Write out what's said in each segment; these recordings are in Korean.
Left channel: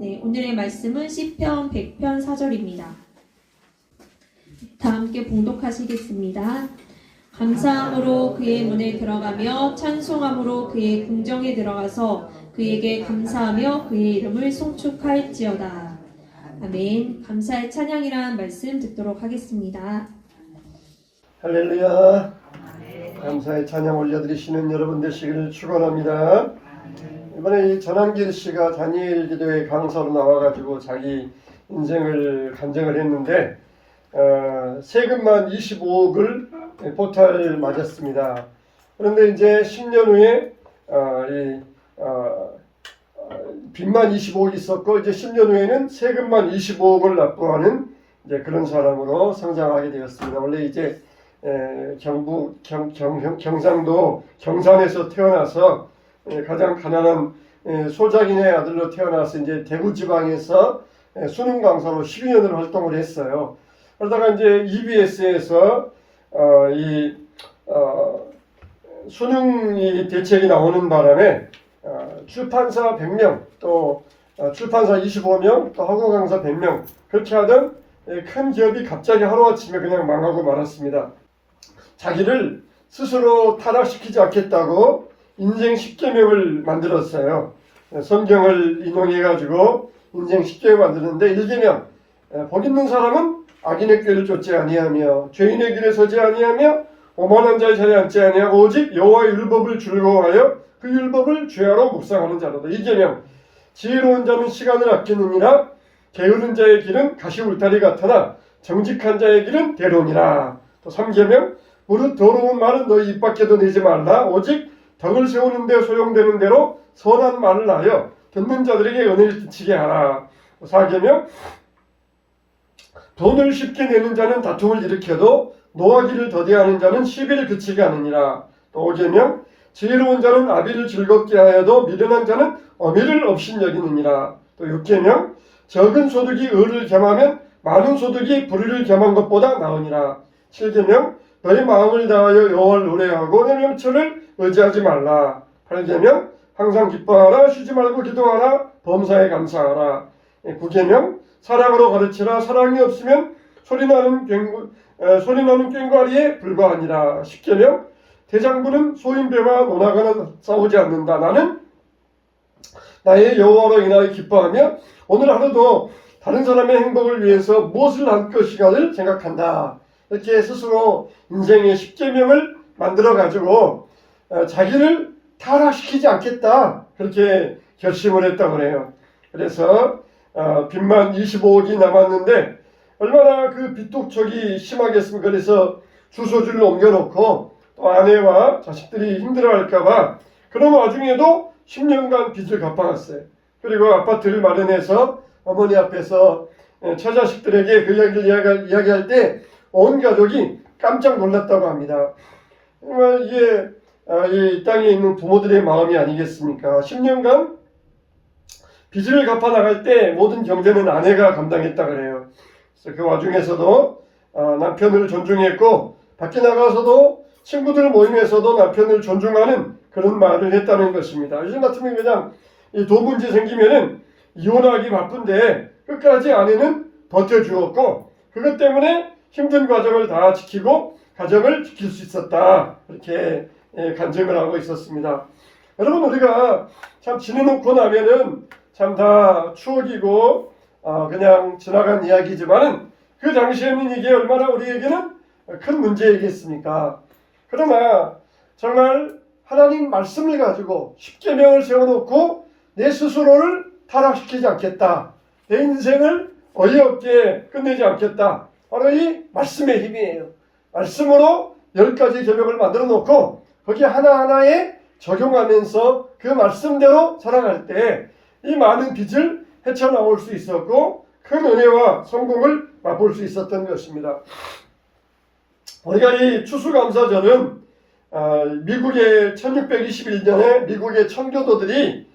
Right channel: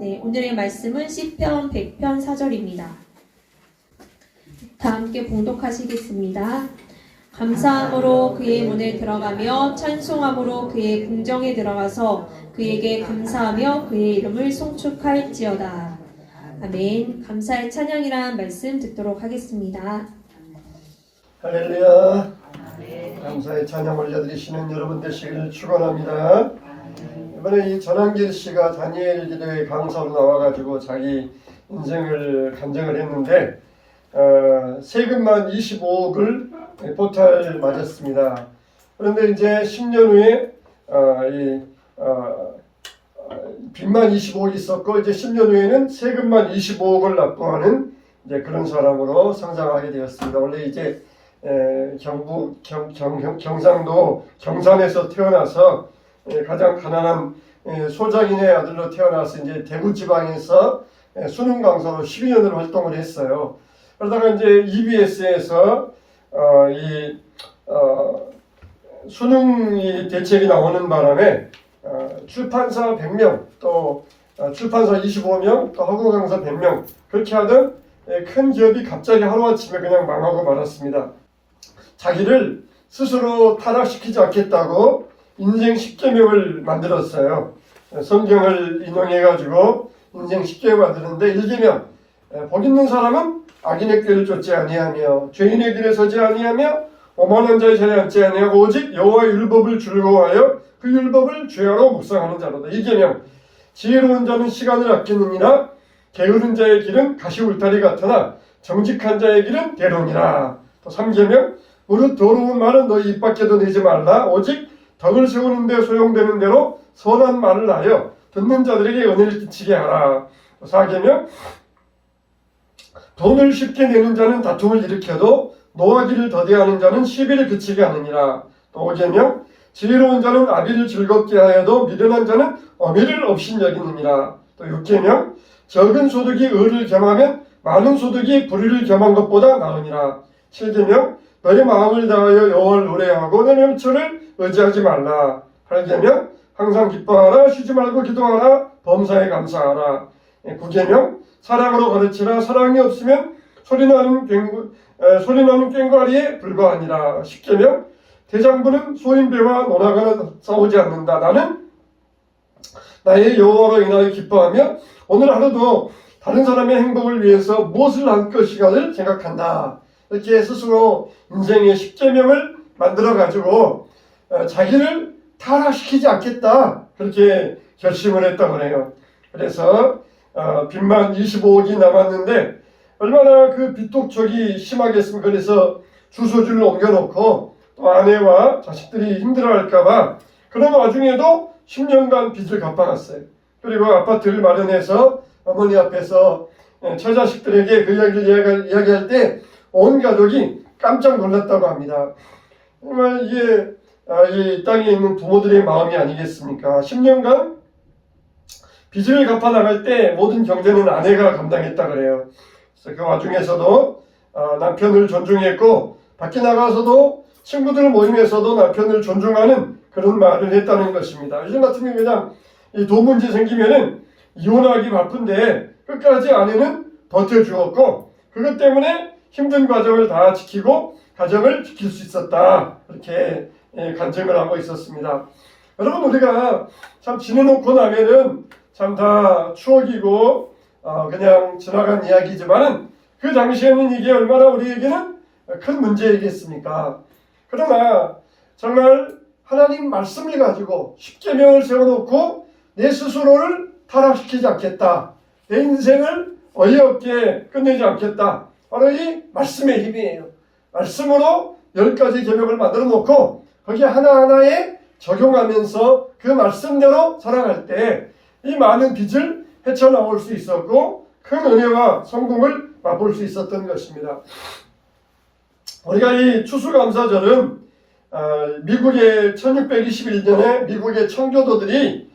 네, 오늘의 말씀은 시편 100편 4절입니다. 다 함께 봉독하시겠습니다. 감사함으로 그의 문에 들어가며 찬송함으로 그의 궁정에 들어가서 그에게 감사하며 그의 이름을 송축할지어다. 아멘. 감사의 찬양이라는 말씀 듣도록 하겠습니다. 할렐루야. 감사의 찬양 올려드리시는 여러분 되시기를 축원합니다. 이번에 이 전한길 씨가 다니엘 기도의 강사로 나와가지고 자기 인생을 간증을 했는데 세금만 25억을 포탈 맞았습니다. 그런데 이제 10년 후에 빚만 25억이 있었고 이제 10년 후에는 세금만 25억을 납부하는 이제 그런 사람으로 성장하게 되었습니다. 원래 이제 경상도 경산에서 태어나서 가장 가난한 소장인의 아들로 태어나서 이제 대구 지방에서 수능 강사로 12년을 활동을 했어요. 그러다가 이제 EBS에서 수능 대책이 나오는 바람에 출판사 100명 또 출판사 25명 또 학원 강사 100명 그렇게 하던 큰 기업이 갑자기 하루아침에 그냥 망하고 말았습니다. 자기를 스스로 타락시키지 않겠다고 인생 10계명을 만들었어요. 성경을 인용해가지고 인생 10계명 만드는데 1계명 복 있는 사람은 악인의 꾀를 쫓지 아니하며 죄인의 길에 서지 아니하며 오만한 자의 자리에 앉지 아니하고 오직 여호와의 율법을 즐거워하여 그 율법을 죄하러 묵상하는 자로다. 2계명 지혜로운 자는 시간을 아끼느니라 게으른 자의 길은 가시 울타리 같으나 정직한 자의 길은 대로니라. 또 3계명 무릇 더러운 말은 너희 입 밖에도 내지 말라. 오직 덕을 세우는 데 소용되는 대로 선한 말을 하여 듣는 자들에게 은혜를 끼치게 하라. 4계명 돈을 쉽게 내는 자는 다툼을 일으켜도 노하기를 더디하는 자는 시비를 그치게 하느니라. 또 5계명 지혜로운 자는 아비를 즐겁게 하여도 미련한 자는 어미를 업신여기느니라. 또 6계명 적은 소득이 의를 겸하면 많은 소득이 불의를 겸한 것보다 나으니라. 7계명 너의 마음을 다하여 여호와를 의뢰하고 내 명철을 의지하지 말라. 8계명 항상 기뻐하라. 쉬지 말고 기도하라. 범사에 감사하라. 9계명 사랑으로 가르치라. 사랑이 없으면 소리나는 꽹과리에 불과하니라. 10계명 대장부는 소인배와 논하거나 싸우지 않는다. 나는 나의 여호와로 인하여 기뻐하며 오늘 하루도 다른 사람의 행복을 위해서 무엇을 할 것인가를 생각한다. 이렇게 스스로 인생의 10계명을 만들어가지고 자기를 타락시키지 않겠다. 그렇게 결심을 했다고 해요. 그래서 빚만 25억이 남았는데 얼마나 그 빚독촉이 심하겠습니까. 그래서 주소지를 옮겨놓고 또 아내와 자식들이 힘들어할까봐 그런 와중에도 10년간 빚을 갚아갔어요. 그리고 아파트를 마련해서 어머니 앞에서 처자식들에게 그 이야기를 이야기할 때 온 가족이 깜짝 놀랐다고 합니다. 정말 이게 이 땅에 있는 부모들의 마음이 아니겠습니까? 10년간 빚을 갚아 나갈 때 모든 경제는 아내가 감당했다 그래요. 그래서 그 와중에서도 남편을 존중했고 밖에 나가서도 친구들 모임에서도 남편을 존중하는 그런 말을 했다는 것입니다. 요즘 같으면 그냥 이 돈 문제 생기면은 이혼하기 바쁜데 끝까지 아내는 버텨주었고 그것 때문에 힘든 과정을 다 지키고 가정을 지킬 수 있었다. 그렇게 간증을 하고 있었습니다. 여러분 우리가 참 지내놓고 나면은 참 다 추억이고 그냥 지나간 이야기지만은 그 당시에는 이게 얼마나 우리에게는 큰 문제이겠습니까? 그러나 정말 하나님 말씀을 가지고 10계명을 세워놓고 내 스스로를 타락시키지 않겠다. 내 인생을 어이없게 끝내지 않겠다. 바로 이 말씀의 힘이에요. 말씀으로 10가지 계명을 만들어 놓고 거기 하나하나에 적용하면서 그 말씀대로 살아갈 때 이 많은 빚을 헤쳐나올 수 있었고 큰 은혜와 성공을 맛볼 수 있었던 것입니다. 우리가 이 추수감사절은 미국의 1621년에 미국의 청교도들이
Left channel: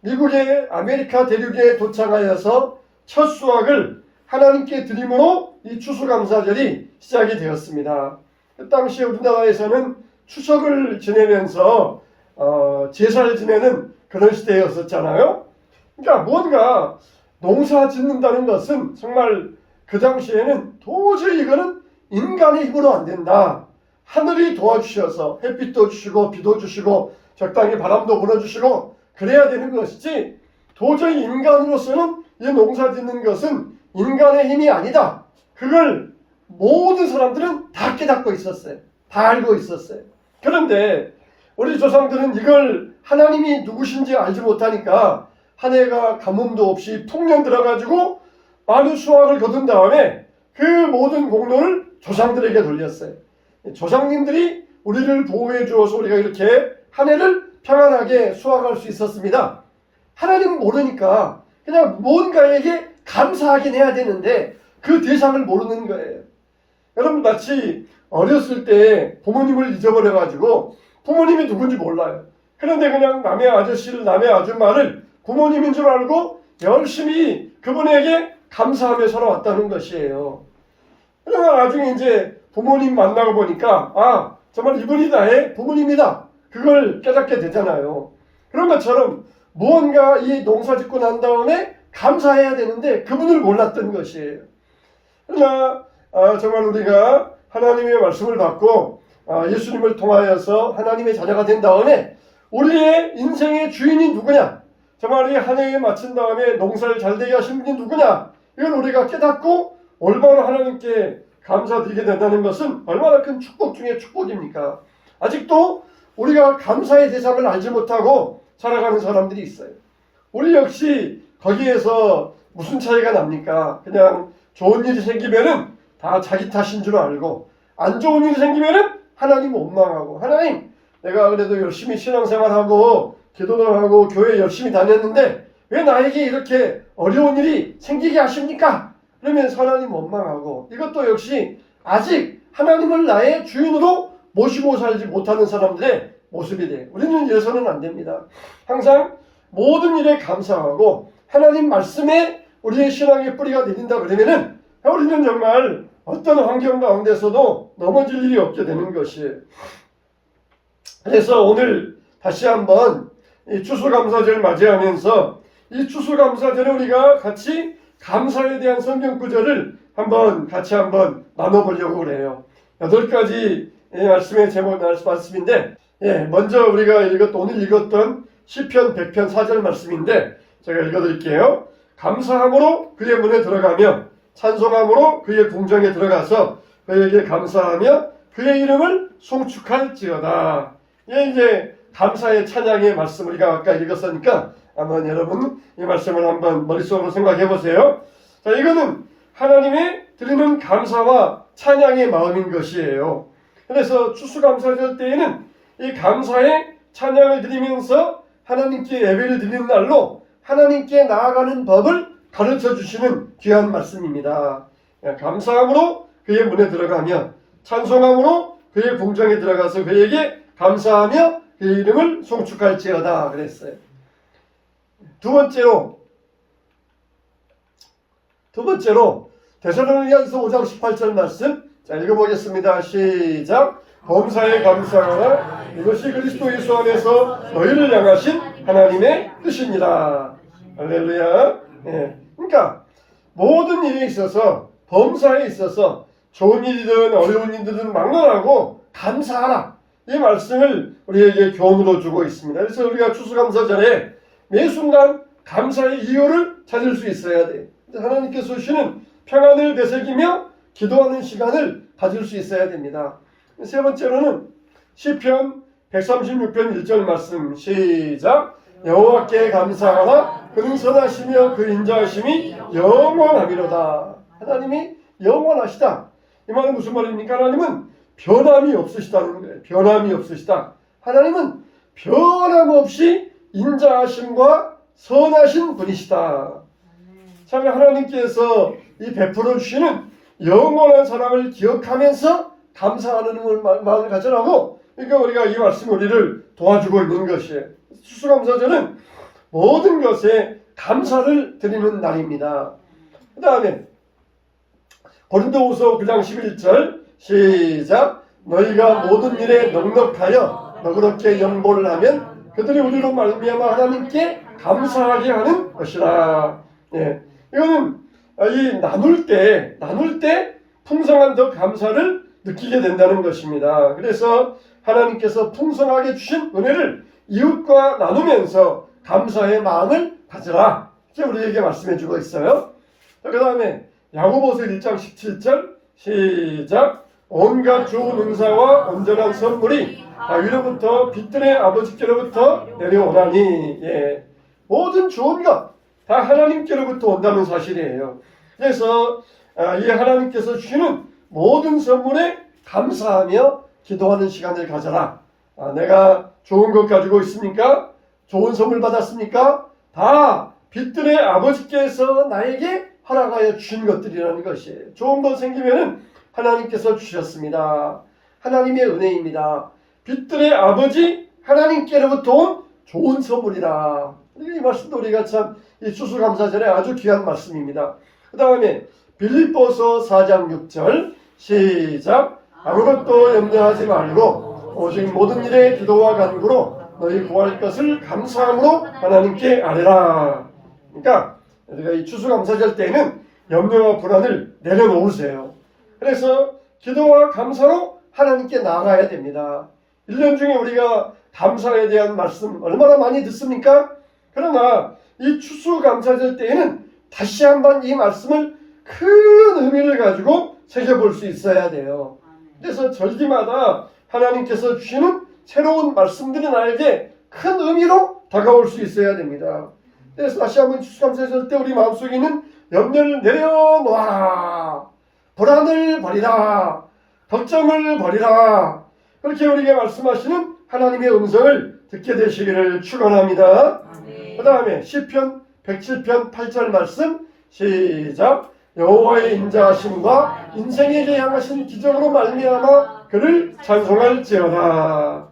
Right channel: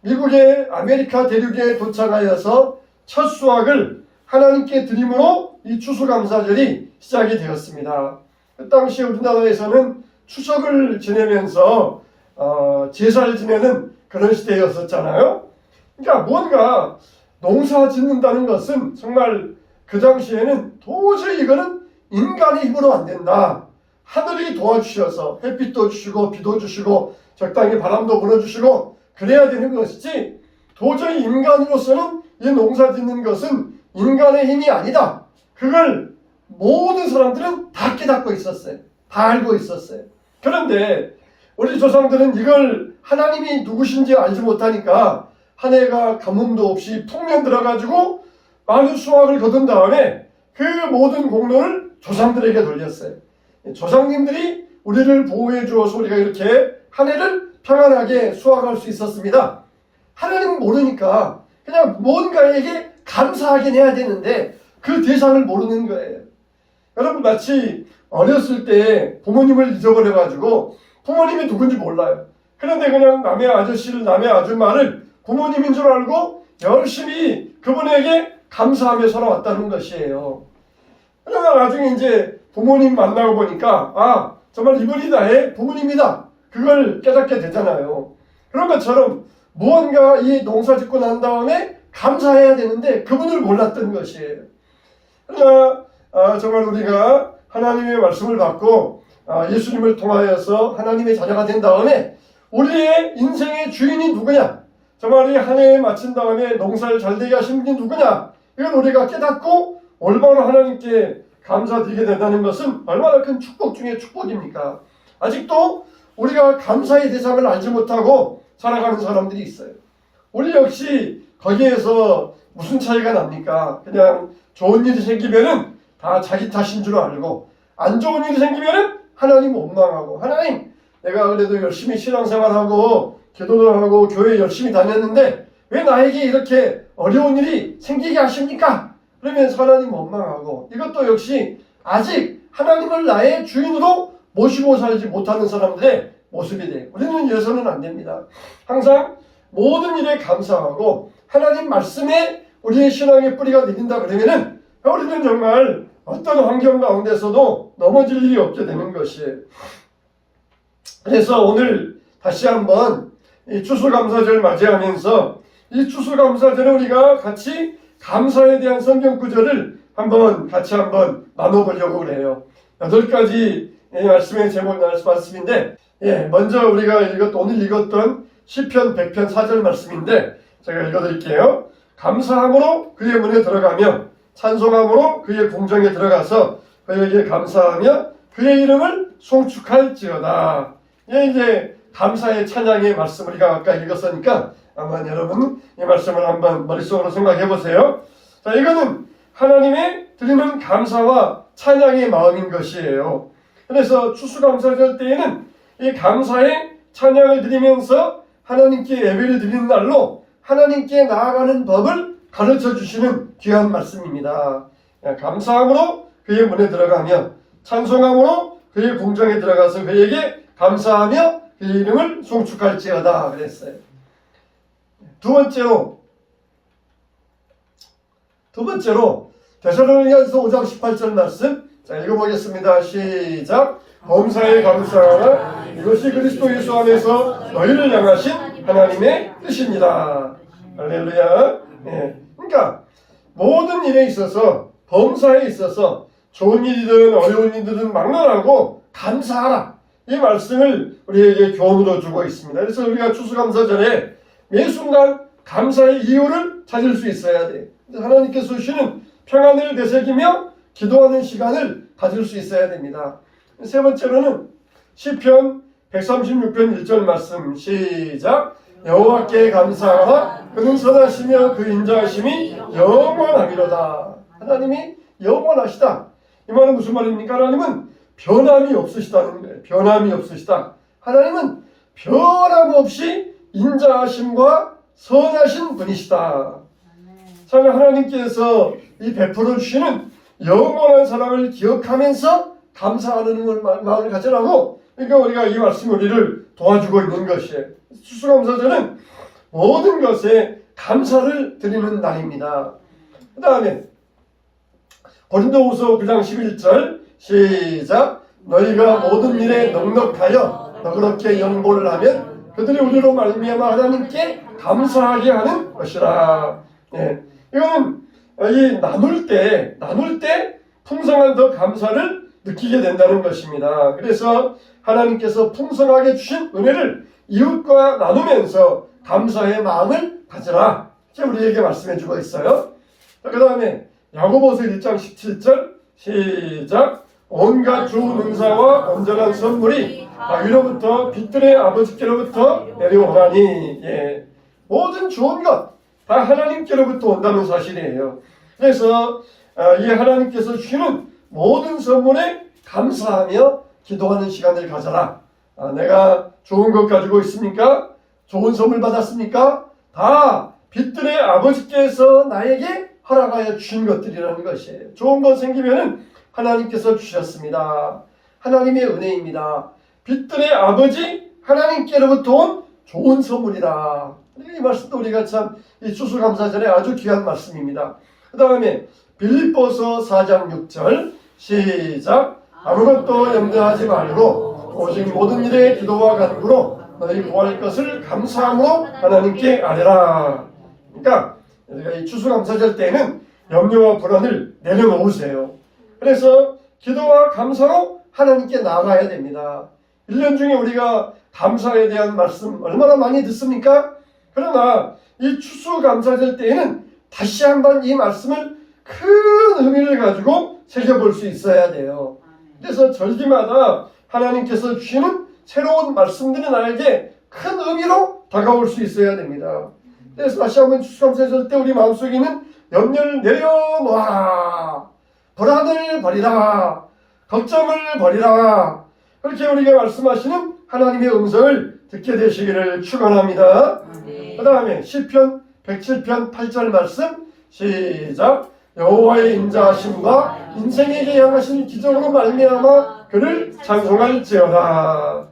미국의 아메리카 대륙에 도착하여서 첫 수확을 하나님께 드림으로 이 추수감사절이 시작이 되었습니다. 그 당시에 우리나라에서는 추석을 지내면서 제사를 지내는 그런 시대였었잖아요. 그러니까 뭔가 농사 짓는다는 것은 정말 그 당시에는 도저히 이거는 인간의 힘으로 안 된다. 하늘이 도와주셔서 햇빛도 주시고 비도 주시고 적당히 바람도 불어주시고 그래야 되는 것이지, 도저히 인간으로서는 이 농사 짓는 것은 인간의 힘이 아니다. 그걸 모든 사람들은 다 깨닫고 있었어요. 다 알고 있었어요. 그런데 우리 조상들은 이걸 하나님이 누구신지 알지 못하니까 한 해가 가뭄도 없이 풍년 들어가지고 많은 수확을 거둔 다음에 그 모든 공로를 조상들에게 돌렸어요. 조상님들이 우리를 보호해 주어서 우리가 이렇게 한 해를 평안하게 수확할 수 있었습니다. 하나님은 모르니까 그냥 뭔가에게 감사하긴 해야 되는데 그 대상을 모르는 거예요. 여러분, 마치 어렸을 때 부모님을 잊어버려가지고 부모님이 누군지 몰라요. 그런데 그냥 남의 아저씨를, 남의 아줌마를 부모님인 줄 알고 열심히 그분에게 감사하며 살아왔다는 것이에요. 그러나 나중에 이제 부모님 만나고 보니까 아, 정말 이분이 나의 부모님이다. 그걸 깨닫게 되잖아요. 그런 것처럼 무언가 이 농사 짓고 난 다음에 감사해야 되는데 그분을 몰랐던 것이에요. 그러나 정말 우리가 하나님의 말씀을 받고 예수님을 통하여서 하나님의 자녀가 된 다음에 우리의 인생의 주인이 누구냐, 정말 이 한 해에 마친 다음에 농사를 잘 되게 하신 분이 누구냐, 이걸 우리가 깨닫고 올바로 하나님께 감사드리게 된다는 것은 얼마나 큰 축복 중에 축복입니까? 아직도 우리가 감사의 대상을 알지 못하고 살아가는 사람들이 있어요. 우리 역시 거기에서 무슨 차이가 납니까? 그냥 좋은 일이 생기면은 다 자기 탓인 줄 알고, 안 좋은 일이 생기면은 하나님 원망하고, 하나님 내가 그래도 열심히 신앙생활하고 기도도 하고 교회 열심히 다녔는데 왜 나에게 이렇게 어려운 일이 생기게 하십니까? 그러면서 하나님 원망하고, 이것도 역시 아직 하나님을 나의 주인으로 모시고 살지 못하는 사람들의 모습이 돼. 우리는 이래서는 안 됩니다. 항상 모든 일에 감사하고 하나님 말씀에 우리의 신앙의 뿌리가 내린다 그러면은 우리는 정말 어떤 환경 가운데서도 넘어질 일이 없게 되는 것이에요. 그래서 오늘 다시 한번 이 추수감사절 맞이하면서 이 추수감사절에 우리가 같이 감사에 대한 성경 구절을 같이 한번 나눠보려고 그래요. 8가지 말씀의 제목 말씀인데, 먼저 우리가 오늘 읽었던 시편 100편 4절 말씀인데 제가 읽어드릴게요. 감사함으로 그의 문에 들어가며 찬송함으로 그의 궁정에 들어가서 그에게 감사하며 그의 이름을 송축할지어다. 이제 감사의 찬양의 말씀 우리가 아까 읽었으니까 아마 여러분 이 말씀을 한번 머릿속으로 생각해 보세요. 자, 이거는 하나님의 드리는 감사와 찬양의 마음인 것이에요. 그래서 추수감사절 때에는 이 감사의 찬양을 드리면서 하나님께 예배를 드리는 날로 하나님께 나아가는 법을 가르쳐 주시는 귀한 말씀입니다. 감사함으로 그의 문에 들어가며 찬송함으로 그의 궁정에 들어가서 그에게 감사하며 그의 이름을 송축할지어다 그랬어요. 두 번째로 데살로니가서 5장 18절 말씀, 자 읽어보겠습니다. 시작. 범사에 감사하라. 이것이 그리스도 예수 안에서 너희를 향하신 하나님의 뜻입니다. 할렐루야. 그러니까 모든 일에 있어서, 범사에 있어서 좋은 일이든 어려운 일이든 막론하고 감사하라. 이 말씀을 우리에게 교훈으로 주고 있습니다. 그래서 우리가 추수감사절에 매 순간 감사의 이유를 찾을 수 있어야 돼요. 하나님께서 주시는 평안을 되새기며 기도하는 시간을 가질 수 있어야 됩니다. 세 번째로는 시편 136편 1절 말씀, 시작. 여호와께 감사하라. 그는 선하시며 그 인자하심이 영원하미로다. 하나님이 영원하시다. 이 말은 무슨 말입니까? 하나님은 변함이 없으시다는 거예요. 변함이 없으시다. 하나님은 변함없이 인자하심과 선하신 분이시다. 참 하나님께서 이 베풀어 주시는 영원한 사랑을 기억하면서 감사하는 마음을 가져라고, 그러니까 우리가 이 말씀 우리를 도와주고 있는 것이에요. 추수감사절은 모든 것에 감사를 드리는 날입니다. 그 다음에 고린도후서 9장 11절 시작. 너희가 모든 일에 넉넉하여 너그럽게 영보를 하면 그들이 우리로 말미암아 하나님께 감사하게 하는 것이라. 예, 이거는 이 나눌 때 풍성한 더 감사를 느끼게 된다는 것입니다. 그래서 하나님께서 풍성하게 주신 은혜를 이웃과 나누면서 감사의 마음을 가져라. 이렇게 우리에게 말씀해 주고 있어요. 그 다음에 야고보서 1장 17절 시작. 온갖 좋은 은사와 온전한 선물이 위로부터 빛들의 아버지께로부터 내려오나니. 예, 모든 좋은 것 다 하나님께로부터 온다는 사실이에요. 그래서 이 하나님께서 주시는 모든 선물에 감사하며 기도하는 시간을 가져라. 내가 좋은 것 가지고 있습니까? 좋은 선물 받았습니까? 다 빛들의 아버지께서 나에게 허락하여 주신 것들이라는 것이에요. 좋은 것 생기면은 하나님께서 주셨습니다. 하나님의 은혜입니다. 빛들의 아버지 하나님께로부터 온 좋은 선물이라. 이 말씀도 우리가 참 이 추수감사절에 아주 귀한 말씀입니다. 그 다음에 빌립보서 4장 6절 시작. 아무것도 염려하지 말고 오직 모든 일에 기도와 간구로 너희 구할 것을 감사함으로 하나님께 아뢰라. 그러니까 우리가 이 추수감사절 때는 염려와 불안을 내려놓으세요. 그래서 기도와 감사로 하나님께 나아가야 됩니다. 1년 중에 우리가 감사에 대한 말씀 얼마나 많이 듣습니까? 그러나 이 추수감사절 때에는 다시 한번 이 말씀을 큰 의미를 가지고 새겨볼 수 있어야 돼요. 그래서 절기마다 하나님께서 주시는 새로운 말씀들이 나에게 큰 의미로 다가올 수 있어야 됩니다. 그래서 다시 한번 추수감사절 때 우리 마음속에 있는 염려를 내려놓아라. 불안을 버리라. 걱정을 버리라. 그렇게 우리에게 말씀하시는 하나님의 음성을 듣게 되시기를 축원합니다. 그 다음에 시편 107편 8절 말씀 시작. 여호와의 인자하심과 인생에게 향하신 기적으로 말미암아 그를 찬송할지어다.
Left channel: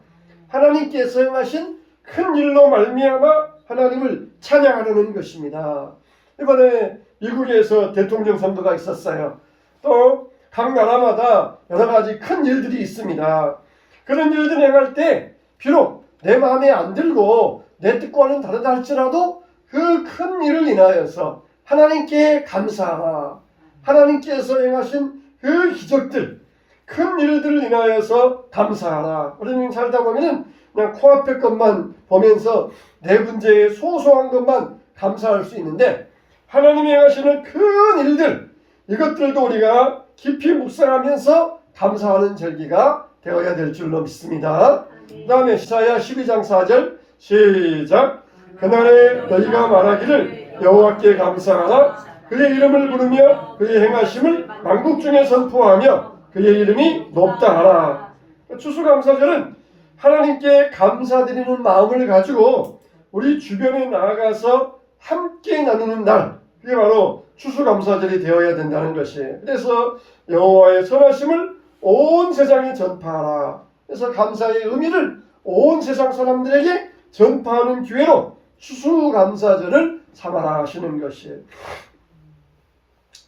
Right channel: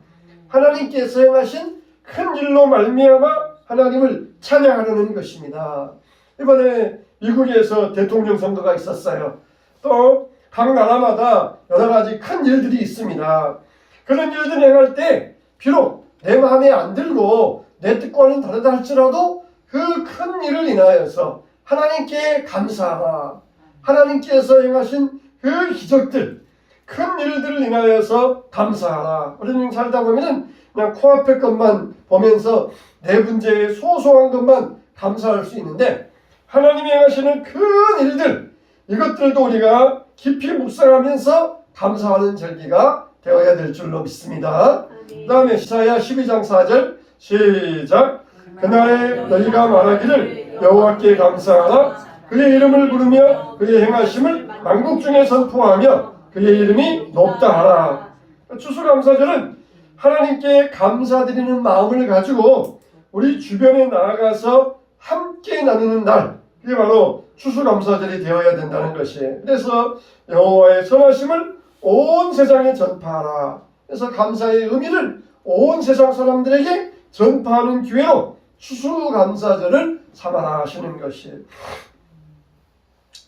하나님께서 행하신 큰 일로 말미암아 하나님을 찬양하려는 것입니다. 이번에 미국에서 대통령 선거가 있었어요. 또 각 나라마다 여러 가지 큰 일들이 있습니다. 그런 일들 행할 때 비록 내 마음에 안 들고 내 뜻과는 다르다 할지라도 그 큰 일을 인하여서 하나님께 감사하라. 하나님께서 행하신 그 기적들, 큰 일들을 인하여서 감사하라. 우리는 살다 보면은 그냥 코앞의 것만 보면서 내 문제에 소소한 것만 감사할 수 있는데 하나님이 행하시는 큰 일들, 이것들도 우리가 깊이 묵상하면서 감사하는 절기가 되어야 될 줄로 믿습니다. 그 다음에 이사야 12장 4절 시작. 그날에 너희가 말하기를 여호와께 감사하라. 그의 이름을 부르며 그의 행하심을 만국 중에 선포하며 그의 이름이 높다 하라. 추수감사절은 하나님께 감사드리는 마음을 가지고 우리 주변에 나아가서 함께 나누는 날, 그게 바로 추수감사절이 되어야 된다는 것이에요. 그래서 여호와의 선하심을 온 세상에 전파하라. 그래서 감사의 의미를 온 세상 사람들에게 전파하는 기회로 추수감사절을 삼아라 하시는 것이에요.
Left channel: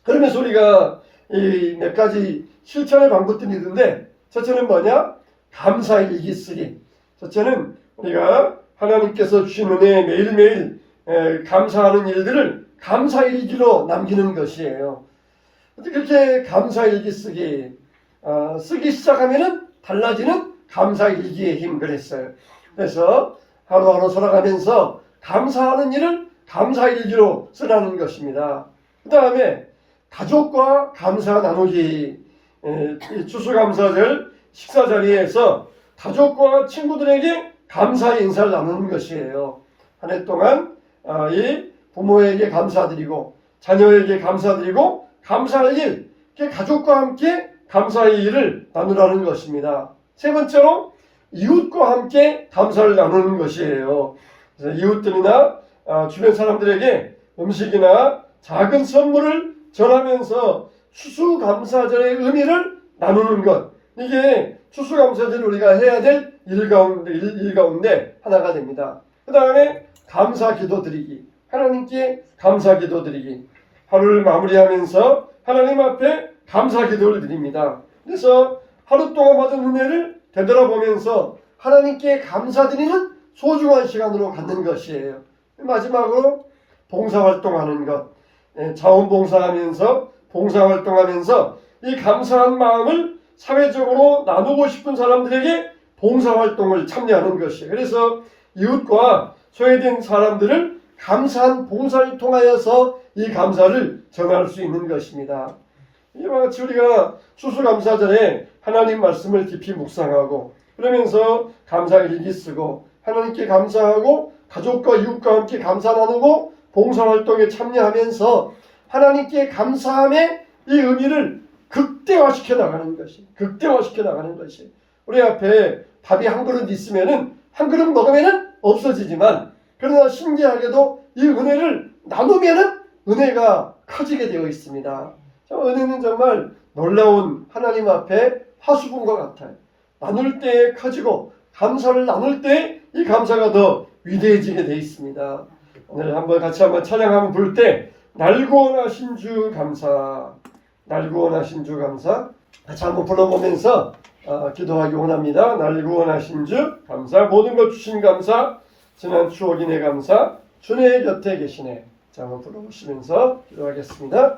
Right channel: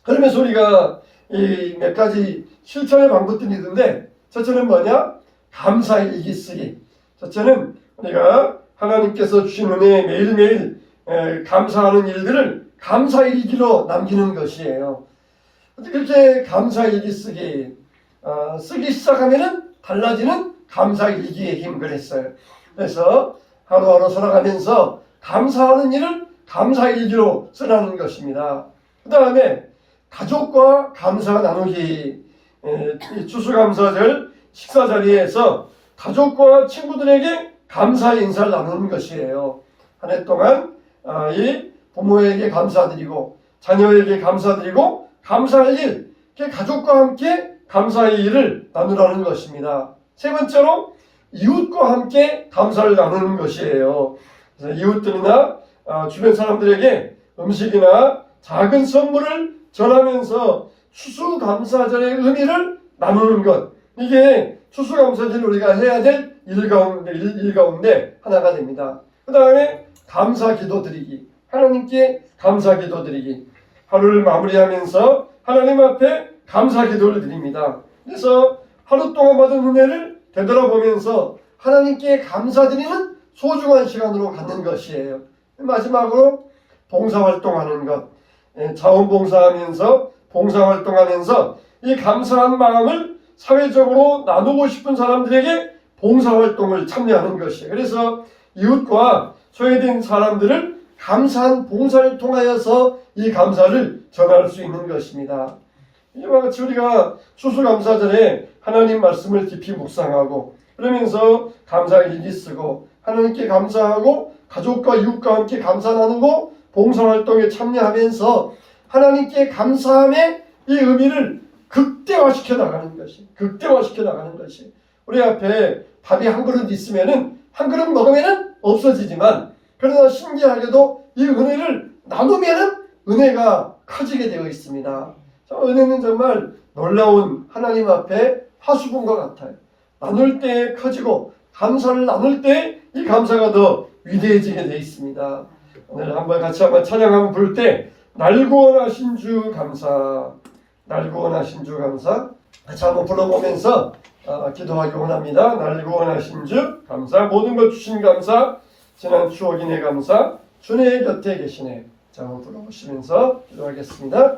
그러면서 우리가 이 몇 가지 실천의 방법들이 있는데, 첫째는 뭐냐? 감사일기 쓰기. 첫째는 우리가 하나님께서 주신 은혜에 매일매일 감사하는 일들을 감사일기로 남기는 것이에요. 그렇게 감사일기 쓰기 시작하면은 달라지는 감사일기의 힘 그랬어요. 그래서 하루하루 살아가면서 감사하는 일을 감사일기로 쓰라는 것입니다. 그 다음에 가족과 감사 나누기. 추수감사절 식사 자리에서 가족과 친구들에게 감사의 인사를 나누는 것이에요. 한 해 동안 이 부모에게 감사드리고 자녀에게 감사드리고 감사할 일, 가족과 함께 감사의 일을 나누라는 것입니다. 세 번째로 이웃과 함께 감사를 나누는 것이에요. 그래서 이웃들이나 주변 사람들에게 음식이나 작은 선물을 전하면서 추수감사절의 의미를 나누는 것, 이게 추수감사절 우리가 해야 될 일 가운데 하나가 됩니다. 그 다음에 감사기도 드리기, 하나님께 감사기도 드리기. 하루를 마무리하면서 하나님 앞에 감사기도를 드립니다. 그래서 하루 동안 받은 은혜를 되돌아보면서 하나님께 감사드리는 소중한 시간으로 갖는 것이에요. 마지막으로 봉사활동하는 것. 자원봉사하면서 봉사활동하면서 이 감사한 마음을 사회적으로 나누고 싶은 사람들에게 봉사활동을 참여하는 것이에요. 그래서 이웃과 소외된 사람들을 감사한 봉사를 통하여서 이 감사를 전할 수 있는 것입니다. 이와 같이 우리가 추수감사절에 하나님 말씀을 깊이 묵상하고 그러면서 감사일기 쓰고 하나님께 감사하고 가족과 이웃과 함께 감사 나누고 봉사활동에 참여하면서 하나님께 감사함의 이 의미를 극대화시켜 나가는 것이 우리 앞에 밥이 한 그릇 있으면은 한 그릇 먹으면은 없어지지만 그러나 신기하게도 이 은혜를 나누면은 은혜가 커지게 되어 있습니다. 은혜는 정말 놀라운 하나님 앞에 화수분과 같아요. 나눌 때 커지고 감사를 나눌 때 이 감사가 더 위대해지게 되어 있습니다. 오늘 같이 한번 찬양 한번 부를 때 날 구원하신 주 감사, 날 구원하신 주 감사 같이 한번 불러보면서 기도하기 원합니다. 날 구원하신 주 감사, 모든 것 주신 감사, 지난 추억인의 감사, 주의 곁에 계시네. 자, 한번 불러보시면서 기도하겠습니다.